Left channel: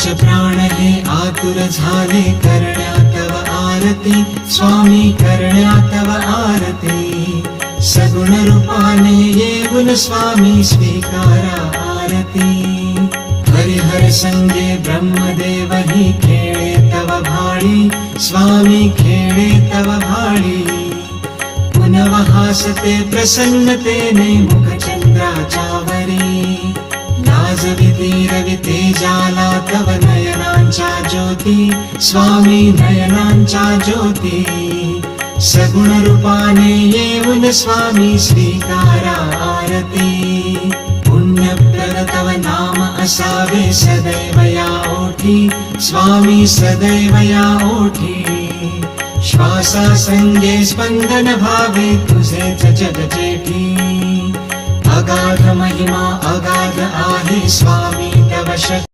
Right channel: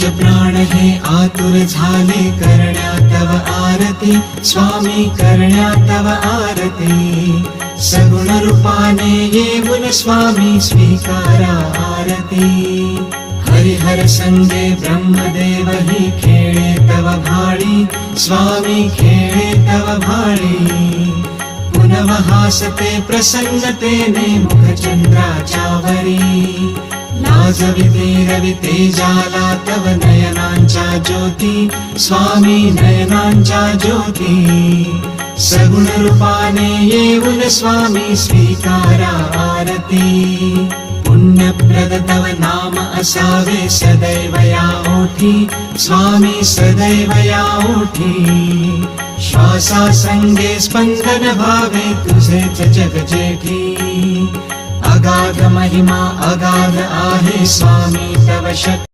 पंच प्राण हे आतुर झाले करण्या तव आरती स्वामी करण्या तव आरती सगुण रूपाने येऊन स्वामी स्वीकारा आरती हरिहर संगे ब्रह्मदेव ही खेळे तव भाळी स्वामी खेळे तव भाळी पुनः हासते प्रसन्नतेने मुखचंद्राच्यावरी लाजविते रविते जाला तव नयनांच्या ज्योती स्वामी नयनांच्या ज्योती सगुण रूपाने येऊन स्वामी स्वीकारा आरती पुण्यप्रद तव नाम असावे सदैव या ओठी स्वामी सदैव या ओठी श्वासा संगे स्पंदन भावे तुझेच जग जेठी अगाध महिमा अगाध आहे स्वामी तव शक्ती